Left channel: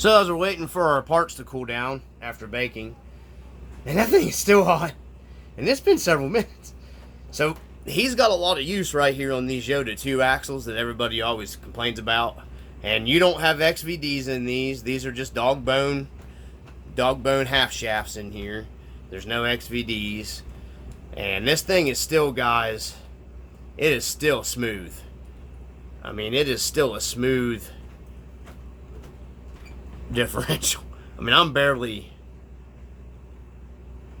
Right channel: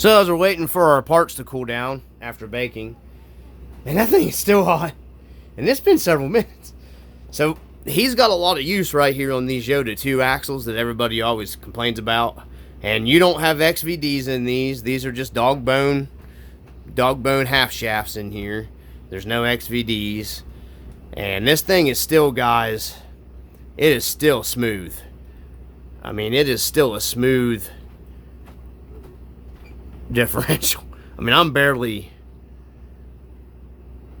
So as we're waiting for our parts to cool down after baking, and that thing is still hot, and it's been several minutes. So he's got a lot of use right here on these Yota 2 axles that everybody always complains about. And you don't have XVDs in these. These are just dog bone half shafts in here. There's no XVDs. And this thing is still, guys, it is still smooth. I mean, it is still a smooth differential. I mean, I'm barely...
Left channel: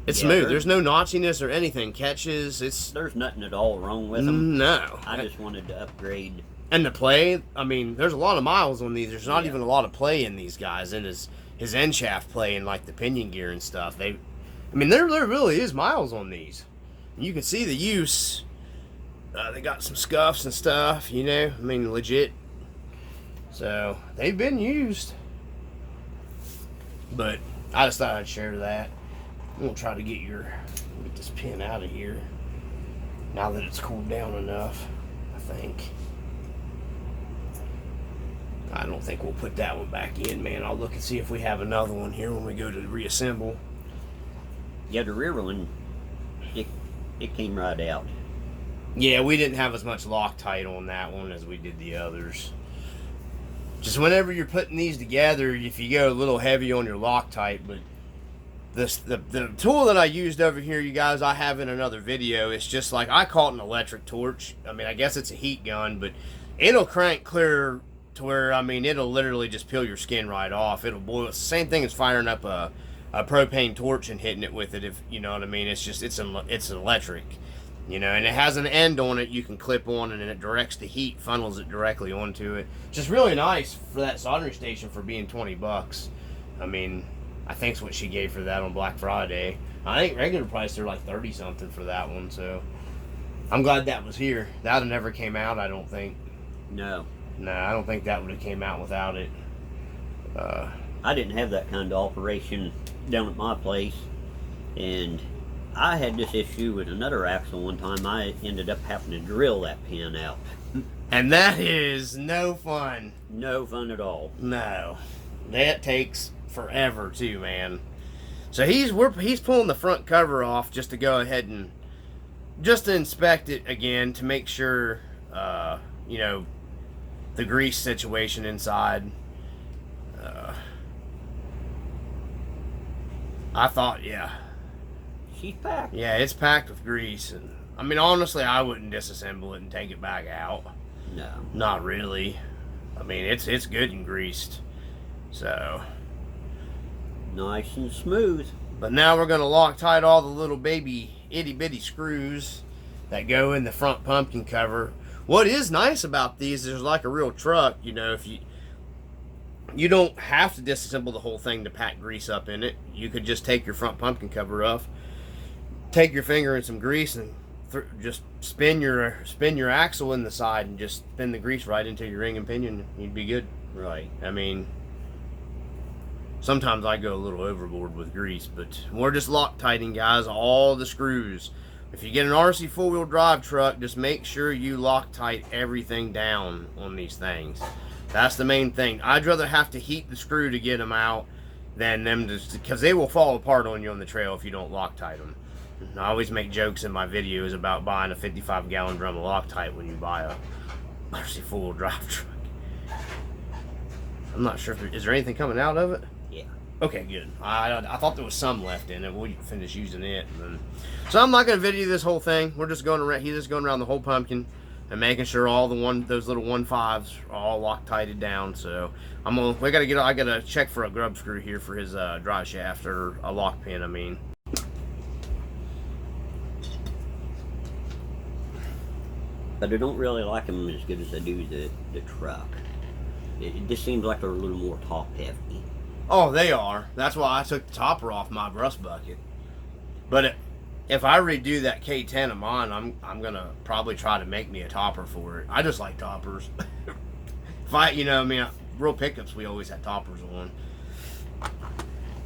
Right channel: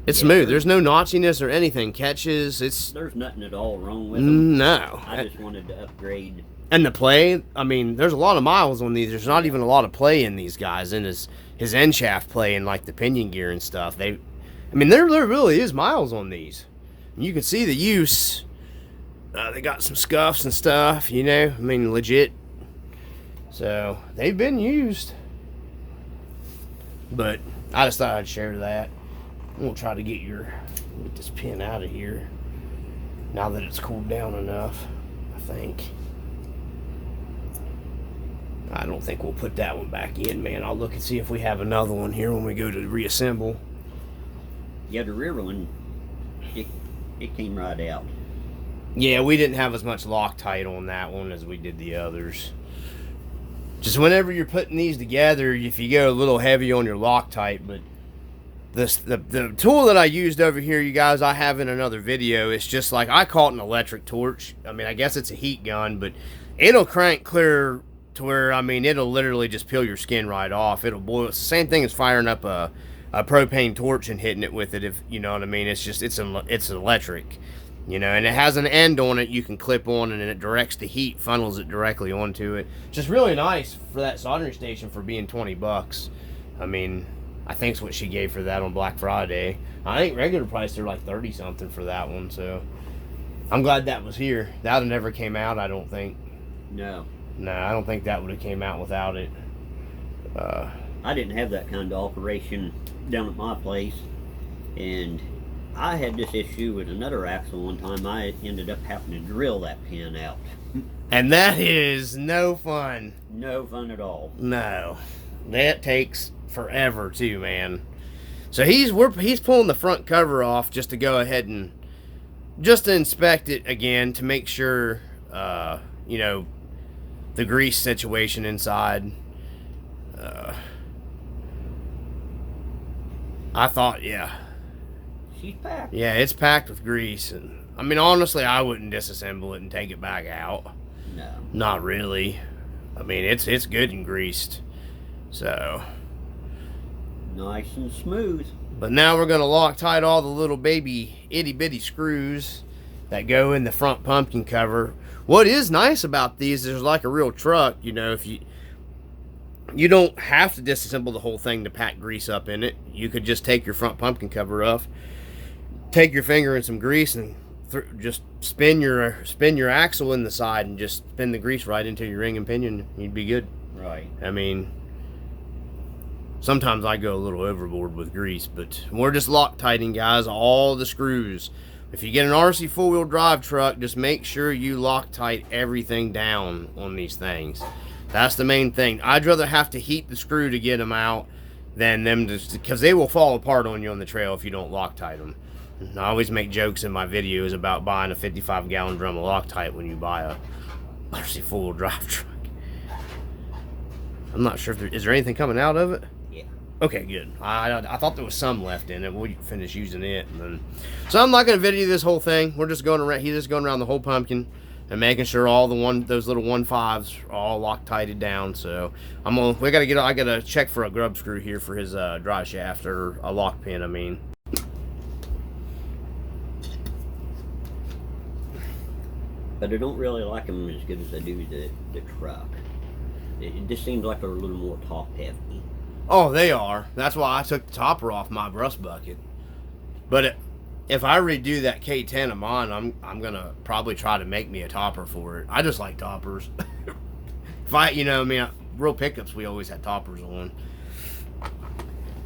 It's smooth. There's no notchiness or anything. Catches. There's nothing at all wrong with them. No. I just wanted to upgrade. And the play, I mean, there's a lot of miles on these. There's not even a lot of play in these guys. And his end shaft play and like the pinion gear and stuff. I mean, there really is miles on these. And you can see the use. They got some scuffs and stuff, you know. I mean, legit. So they've been used. But I just thought I'd share that. We'll try to get this pin out of here now that it's cooled down enough. I think. I don't think we'll put that one back in, man. I'll look and see if we have another one here when we go to reassemble. Yeah, the rear one, it came right out. Yeah, we didn't have as much Loctite on that one as we did the others. Just whenever you're putting these together, if you go a little heavy on your Loctite, but the tool that I used over here, you guys, I have in another video. It's just like, I call it an electric torch. I mean, I guess it's a heat gun, but it'll crank clear to where, I mean, it'll literally just peel your skin right off. It'll boil. It's the same thing as firing up a propane torch and hitting it with it, if you know what I mean. It's just, it's electric, you know, and it has an end on it you can clip on, and it directs the heat, funnels it directly onto it. Just really nice for that soldering station for being 20 bucks. I mean, I think's what she gave for that on Black Friday. I think regular price they're like 30 something for that one, so I'm glad that was here. That would have never came out, I don't think. No. No, I don't think that would have came out without it. I didn't have that kind of operation down at my place, and I had this issue with another axle one time. I ended up having to drill that pin out. And that is no fun. No fun at all. No. That takes forever too, man. So he's pulling the front cover off just to go ahead and just to inspect it again to make sure you know, the grease situation inside. I thought, yeah, she's packed. Yeah, it's packed with grease, and I mean, honestly, I wouldn't disassemble it and take it back out. No, not really. I mean, it's good and greased, so nice and smooth. But now we're going to Loctite all the little baby itty bitty screws that go in the front pumpkin cover. What is nice about these is like a real truck, you know, if you don't have to disassemble the whole thing to pack grease up in it. You could just take your front pumpkin cover off, take your finger in some grease, and just spin your axle in the side and just spin the grease right into your ring and pinion. You'd be good. Right. I mean, sometimes I go a little overboard with grease, but we're just Loctiting, guys, all the screws. If you get an RC 4-wheel drive truck, just make sure you Loctite everything down on these things. That's the main thing. I'd rather have to heat the screw to get them out than them just, because they will fall apart on you on the trail if you don't Loctite them. And I always make jokes in my videos about buying a 55-gallon drum of Loctite when you buy a RC 4-wheel drive truck. I'm not sure if is there anything coming out of it? Yeah. Okay, good. I thought there was some left in it. We'll finish using it, and then. So I'm not going to video this whole thing. We're just going around. He's just going around the whole pumpkin and making sure all those little 1.5s are all Loctited down. So I gotta check for a grub screw here for his drive shaft, or a lock pin, I mean. But I don't really like them as good as I do the truck. It just seems like they're a little more top heavy. Oh, they are. That's why I took the topper off my rust bucket. But if I redo that K10 of mine, I'm gonna probably try to make me a topper for it. I just like toppers. I mean, real pickups, we always had toppers on.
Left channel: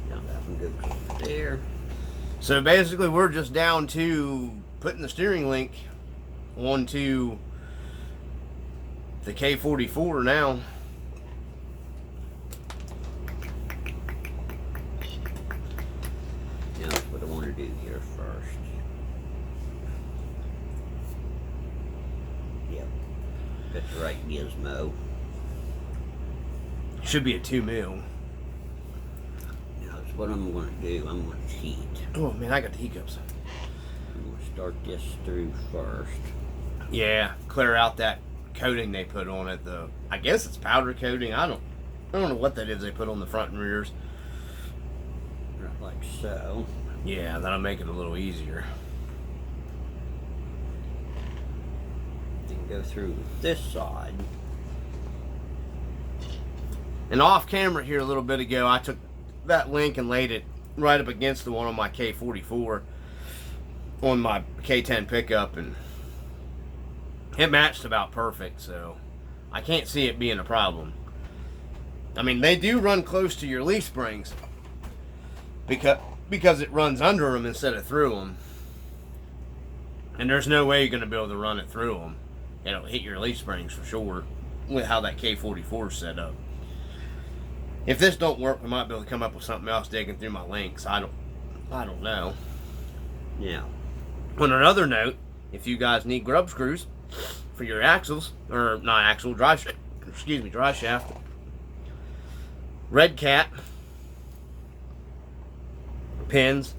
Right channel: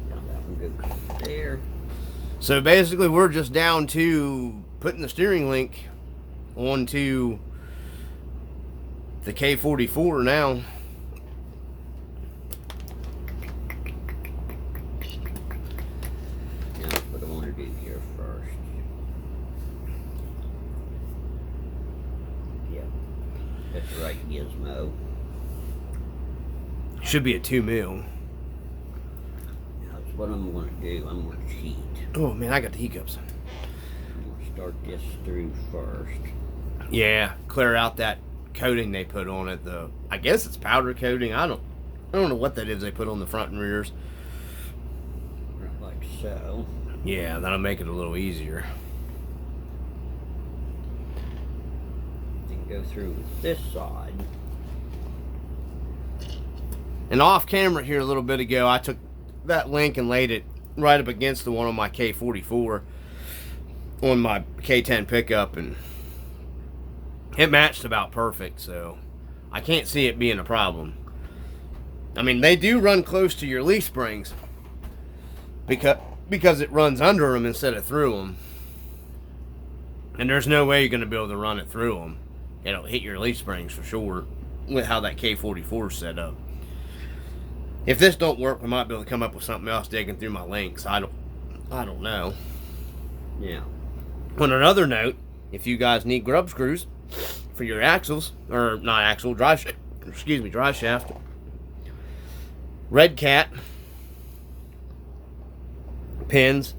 Now that one goes there. So basically, we're just down to putting the steering link onto the K44 now. gizmo. Should be a 2 mil. Now, that's what I'm going to do. I'm going to cheat. Oh man, I got the hiccups. I'm going to start this through first. Yeah, clear out that coating they put on it. I guess it's powder coating. I don't know what that is they put on the front and rears. Right like so. Yeah, that'll make it a little easier. Then go through this side. And off camera here a little bit ago, I took that link and laid it right up against the one on my K44 on my K10 pickup, and it matched about perfect, so I can't see it being a problem. I mean, they do run close to your leaf springs because it runs under them instead of through them. And there's no way you're going to be able to run it through them. It'll hit your leaf springs for sure with how that K44 is set up. If this don't work, we might be able to come up with something else digging through my links. I don't know. Yeah. On another note, if you guys need grub screws for your axles, or not axle, drive shaft, Red Cat pins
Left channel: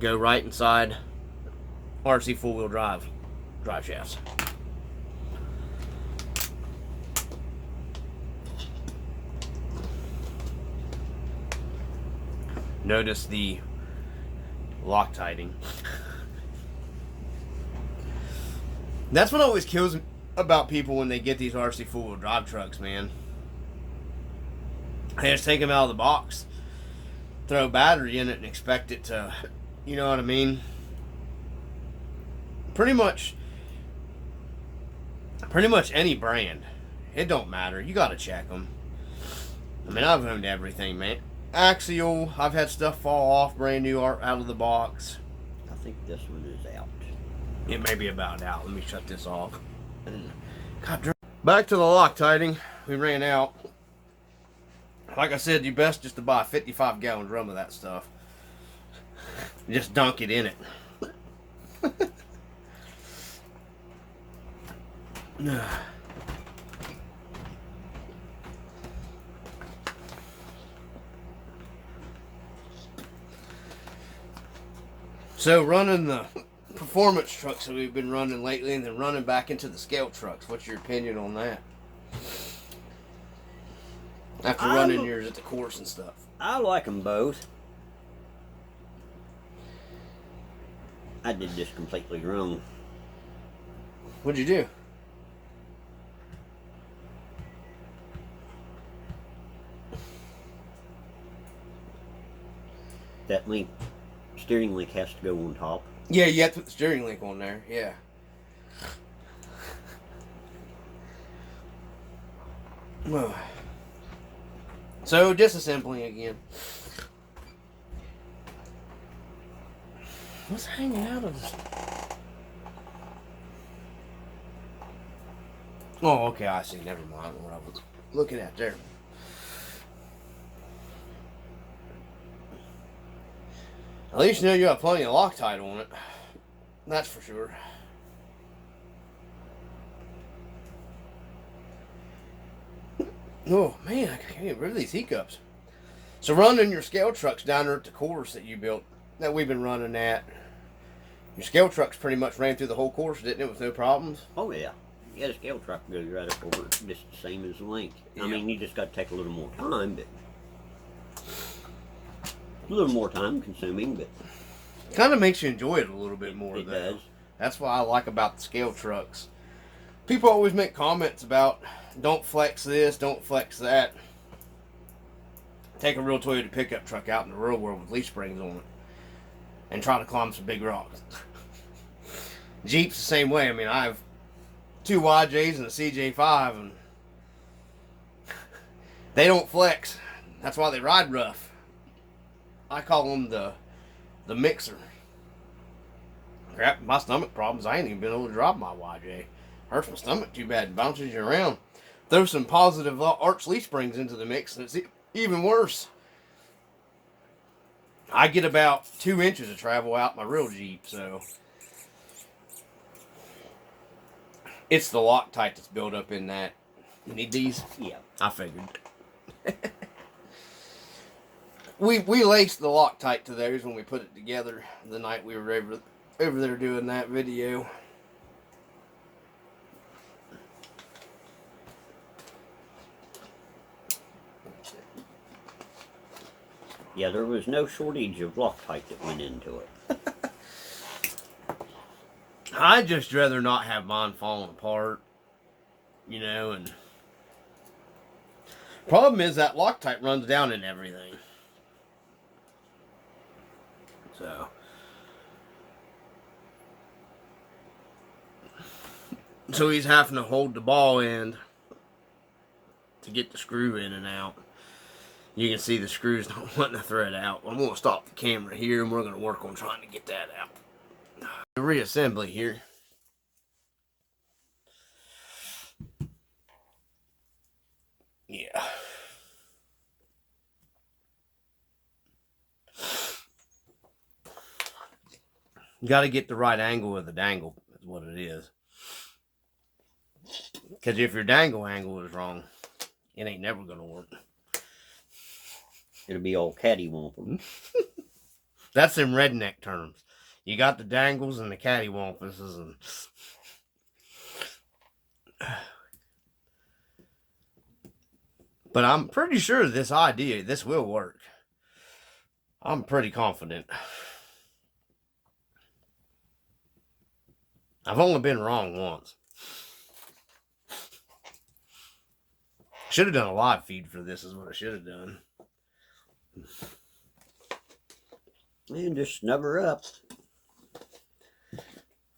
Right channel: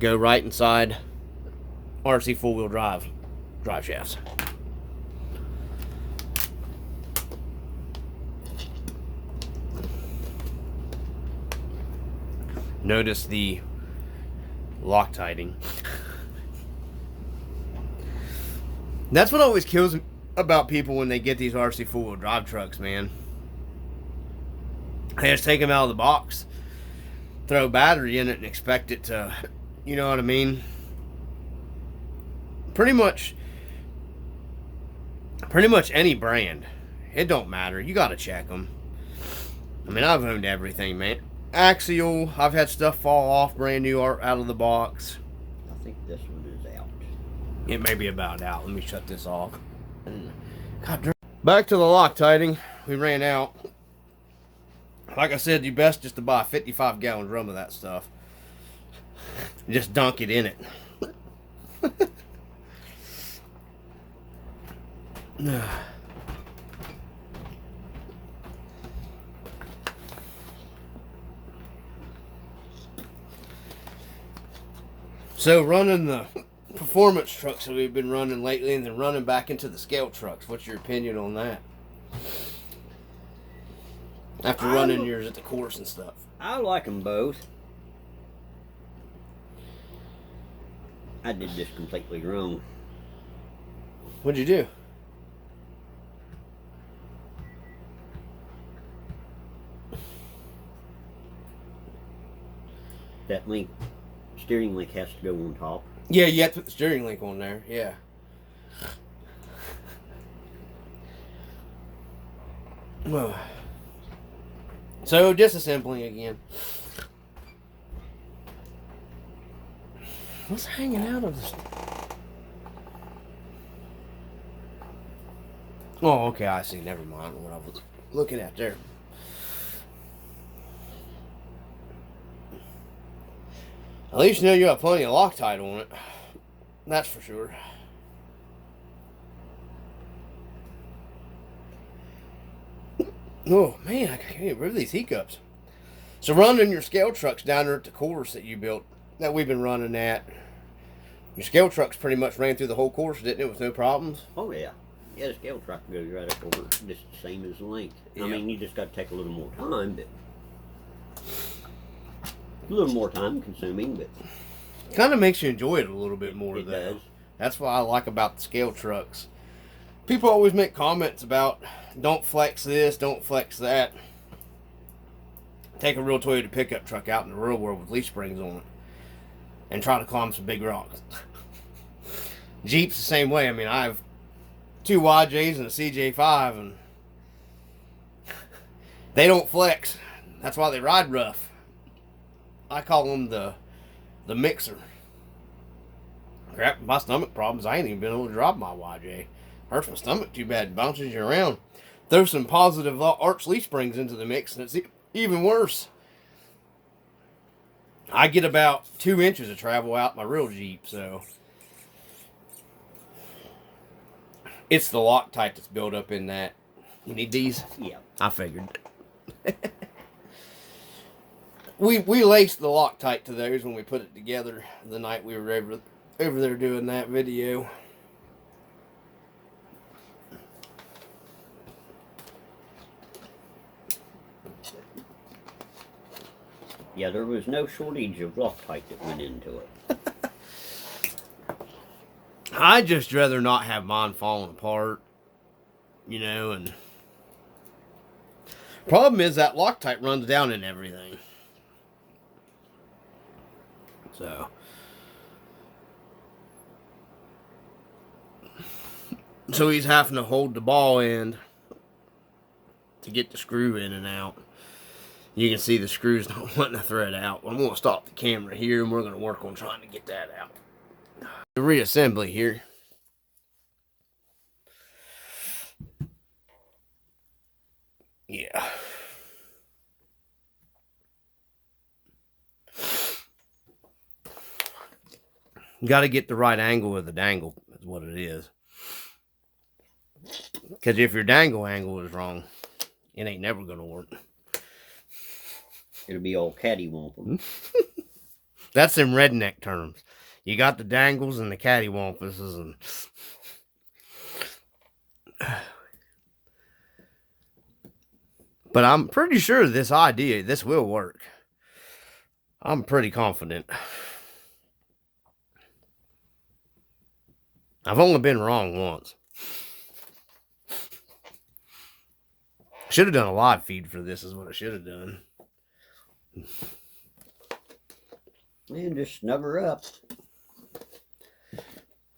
go right inside Rc4wd drive shafts. Notice the Loctiting. That's what always kills me about people when they get these Rc4wd drive trucks, man. They just take them out of the box, throw a battery in it, and expect it to, you know what I mean? Pretty much any brand. It don't matter. You gotta check them. I mean, I've owned everything, man. Axial, I've had stuff fall off brand new out of the box. I think this one is out. It may be about out. Let me shut this off. God, back to the Loctiting. We ran out. Like I said, you best just to buy a 55-gallon drum of that stuff. Just dunk it in it. So running the performance trucks that we've been running lately and then running back into the scale trucks, what's your opinion on that? After running yours at the course and stuff. I like them both. I did this completely wrong. What'd you do? That link, steering link has to go on top. Yeah, you have to put the steering link on there, yeah. So, disassembling again. What's hanging out of this? Oh, okay, I see. Never mind what I was looking at there. At least you know you have plenty of Loctite on it. That's for sure. Oh man, I can't get rid of these hiccups. So running your scale trucks down there at the course that you built, that we've been running at, your scale trucks pretty much ran through the whole course, didn't it, with no problems? Oh yeah. Yeah, the scale truck goes right up over just the same as the link. Yeah. I mean, you just got to take a little more time, but a little more time consuming, but kind of makes you enjoy it a little bit more. It though. does. That's what I like about the scale trucks. People always make comments about don't flex this, don't flex that. Take a real Toyota pickup truck out in the real world with leaf springs on it and try to climb some big rocks. Jeep's the same way. I mean, I have 2 YJs and a CJ5, and they don't flex. That's why they ride rough. I call them the mixer. Crap, my stomach problems, I ain't even been able to drop my YJ. Hurts my stomach too bad, bounces you around. Throw some positive arch leaf springs into the mix, and it's even worse. I get about 2 inches of travel out my real Jeep, so It's the Loctite that's built up in that. You need these? Yeah. I figured. we laced the Loctite to those when we put it together the night we were over there doing that video. Yeah, there was no shortage of Loctite that went into it. I'd just rather not have mine falling apart, you know, and problem is that Loctite runs down in everything. So he's having to hold the ball end to get the screw in and out. You can see the screws not wanting to thread out. I'm going to stop the camera here and we're going to work on trying to get that out. The reassembly here. Yeah. Got to get the right angle of the dangle, is what it is. Because if your dangle angle is wrong, it ain't never going to work. It'll be all cattywampus. That's in redneck terms. You got the dangles and the cattywampuses and... But I'm pretty sure this will work. I'm pretty confident. I've only been wrong once. Should have done a live feed for this is what I should have done. And just snub her up.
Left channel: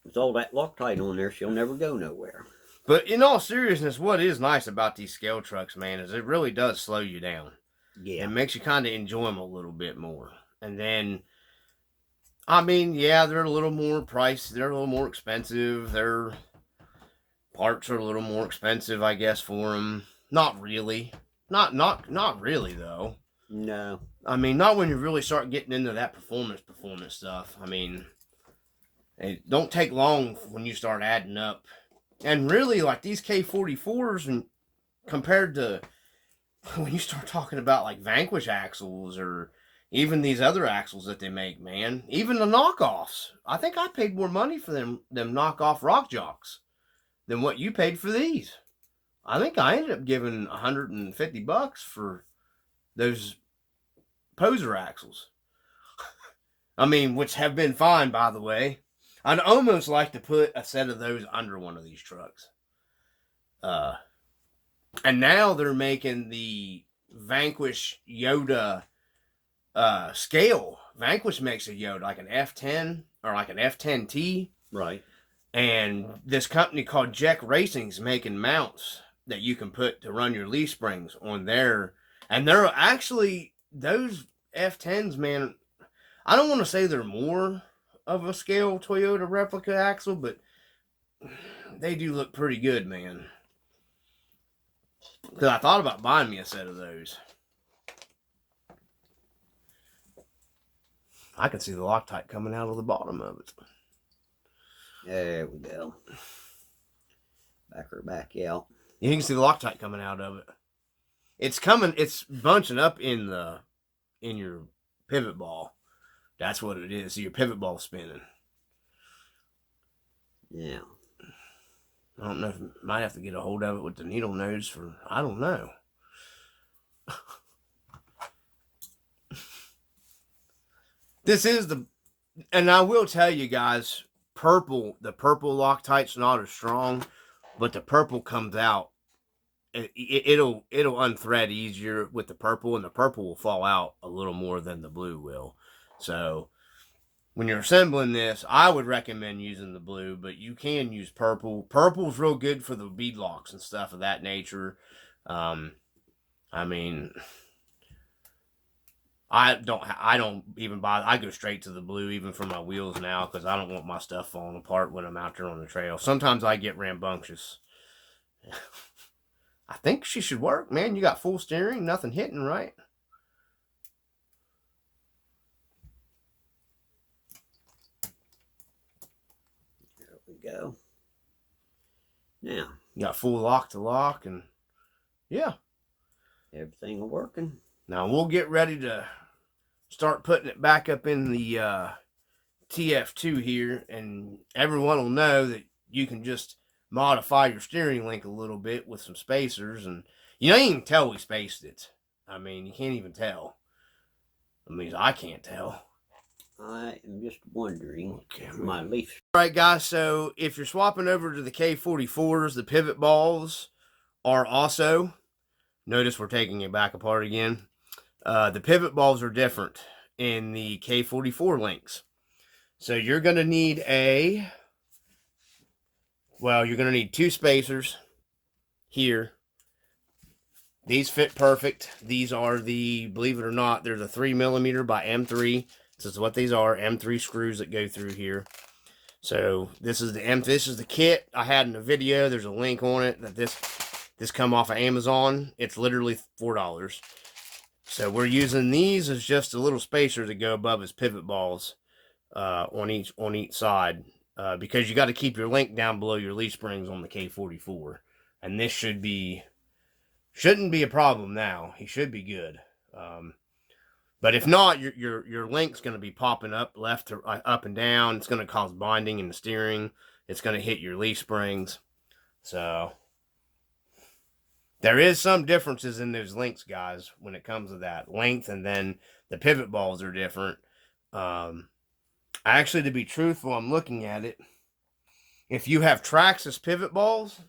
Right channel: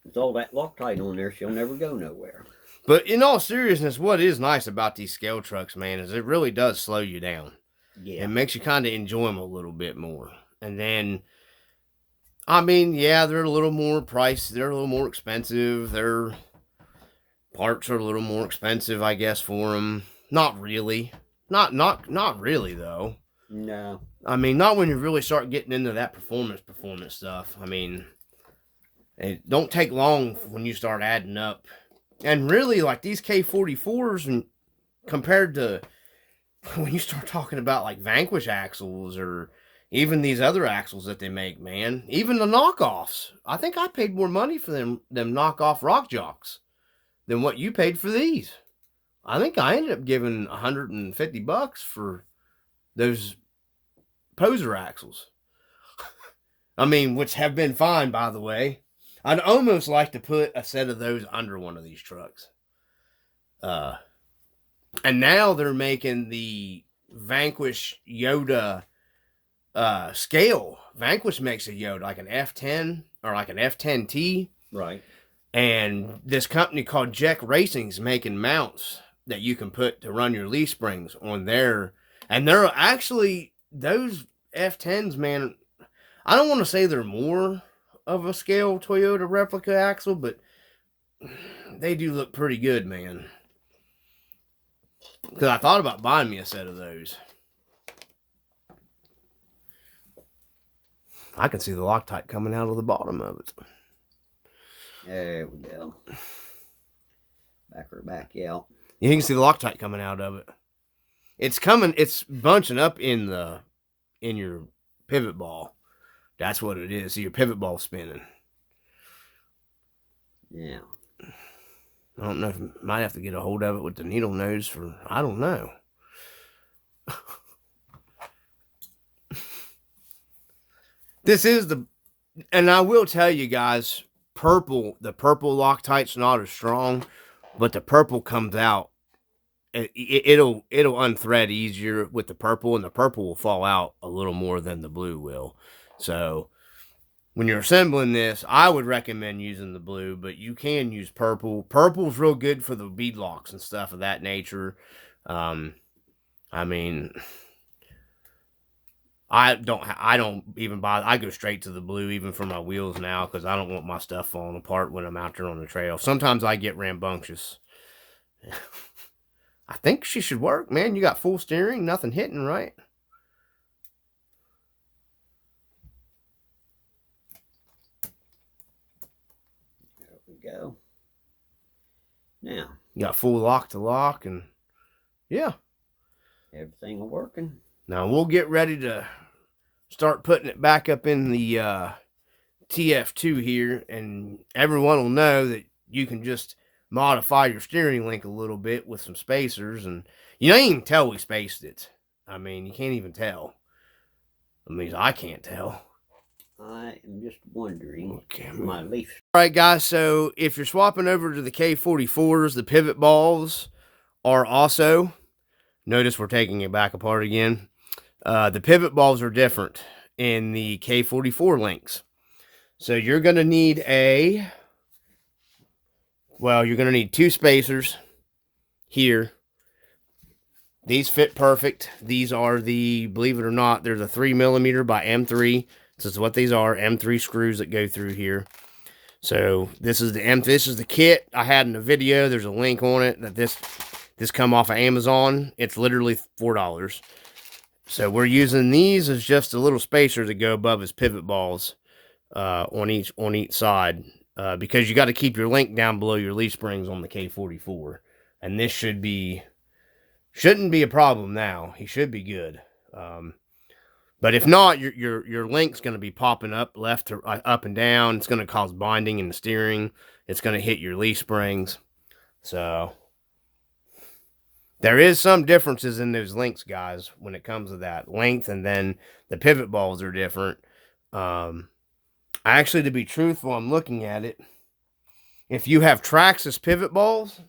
With all that Loctite on there, she'll never go nowhere. But in all seriousness, what is nice about these scale trucks, man, is it really does slow you down. Yeah. It makes you kind of enjoy them a little bit more. And then, I mean, yeah, they're a little more pricey. They're a little more expensive. Their parts are a little more expensive, I guess, for them. Not really. Not really, though. No. I mean, not when you really start getting into that performance stuff. I mean, it don't take long when you start adding up. And really, like these K44s, and compared to when you start talking about like Vanquish axles or even these other axles that they make, man, even the knockoffs. I think I paid more money for them knockoff Rock Jocks than what you paid for these. I think I ended up giving $150 for those poser axles. I mean, which have been fine, by the way. I'd almost like to put a set of those under one of these trucks. And now they're making the Vanquish Yota scale. Vanquish makes a Yota, like an F10 or like an F10T. Right. And this company called Jack Racing's making mounts that you can put to run your leaf springs on there. And they're actually, those F10s, man, I don't want to say they're more of a scale Toyota replica axle, but they do look pretty good, man. Because I thought about buying me a set of those. I can see the Loctite coming out of the bottom of it. There we go. Back out. You can see the Loctite coming out of it. It's coming, it's bunching up in your pivot ball. That's what it is. See your pivot ball spinning. Yeah. I don't know if I might have to get a hold of it with the needle nose for, I don't know. This is the, and I will tell you guys, the purple Loctite's not as strong, but the purple comes out. It'll unthread easier with the purple, and the purple will fall out a little more than the blue will. So when you're assembling this, I would recommend using the blue, but you can use purple. Purple's real good for the bead locks and stuff of that nature. I mean, I don't even bother. I go straight to the blue even for my wheels now because I don't want my stuff falling apart when I'm out there on the trail. Sometimes I get rambunctious. I think she should work, man. You got full steering, nothing hitting, right? There we go. Yeah. You got full lock to lock, and yeah. Everything working. Now we'll get ready to start putting it back up in the TF2 here, and everyone will know that you can just modify your steering link a little bit with some spacers, and you don't even tell we spaced it. I mean, you can't even tell. At least I can't tell. I am just wondering. Okay, my leaf. All right, guys. So if you're swapping over to the K44s, the pivot balls are also. Notice we're taking it back apart again. The pivot balls are different in the K44 links. So you're going to need you're going to need 2 spacers here. These fit perfect. These are the, believe it or not, they're the 3mm by M3. This is what these are, M3 screws that go through here. So this is the kit I had in the video. There's a link on it that this come off of Amazon. It's literally $4. So we're using these as just a little spacer to go above his pivot balls on each side, because you got to keep your link down below your leaf springs on the K44, and this shouldn't be a problem now. He should be good. But if not, your link's going to be popping up left or up and down. It's going to cause binding in the steering. It's going to hit your leaf springs. So there is some differences in those links, guys, when it comes to that length, and then the pivot balls are different. Actually, to be truthful, I'm looking at it. If you have Traxxas pivot balls,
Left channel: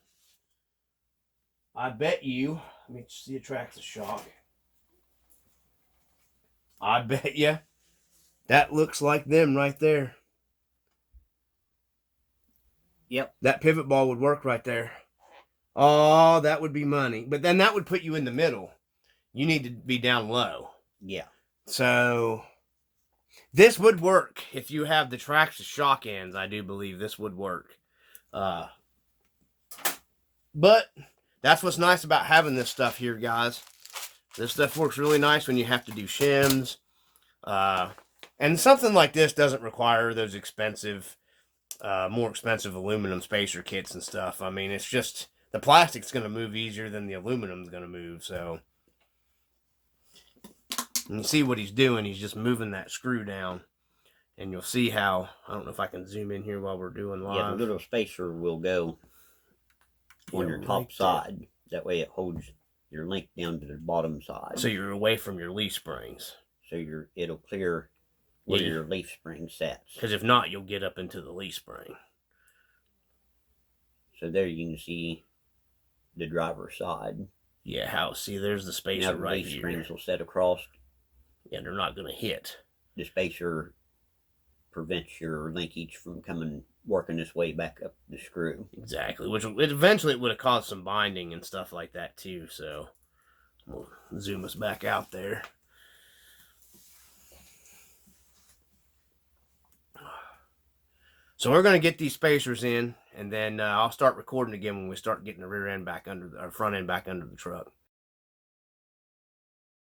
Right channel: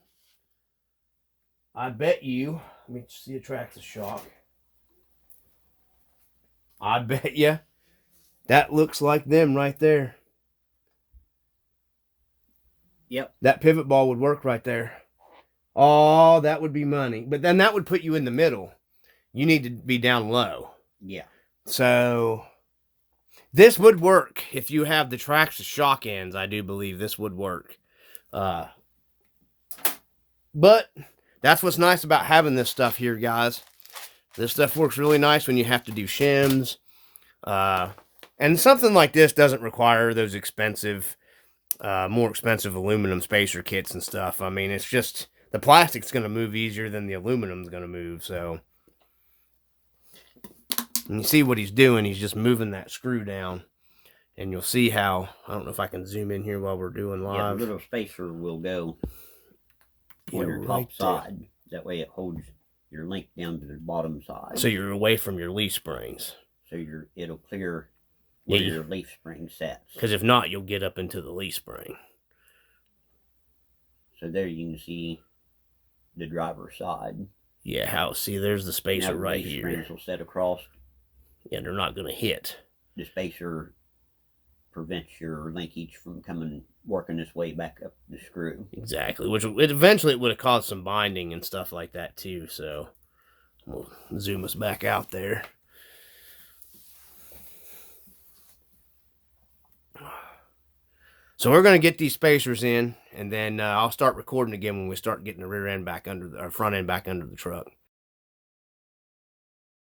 I bet you, let me see a Traxxas shock. I bet you that looks like them right there. Yep. That pivot ball would work right there. Oh, that would be money. But then that would put you in the middle. You need to be down low. Yeah. So this would work if you have the Traxxas shock ends. I do believe this would work. But that's what's nice about having this stuff here, guys. This stuff works really nice when you have to do shims. And something like this doesn't require those expensive, more expensive aluminum spacer kits and stuff. I mean, it's just, the plastic's going to move easier than the aluminum's going to move. So, and you see what he's doing. He's just moving that screw down. And you'll see how, I don't know if I can zoom in here while we're doing live. Yeah, the little spacer will go on your top side. That way it holds your link down to the bottom side. So you're away from your leaf springs. So it'll clear where your leaf spring sets. Because if not, you'll get up into the leaf spring. So there you can see the driver's side. Yeah, see, there's the spacer right here. The leaf springs will set across. Yeah, they're not going to hit. The spacer prevents your linkage from working its way back up the screw. Exactly, which eventually it would have caused some binding and stuff like that too. So we'll zoom us back out there. So we're going to get these spacers in, and then I'll start recording again when we start getting the rear end back under, or front end back under the truck.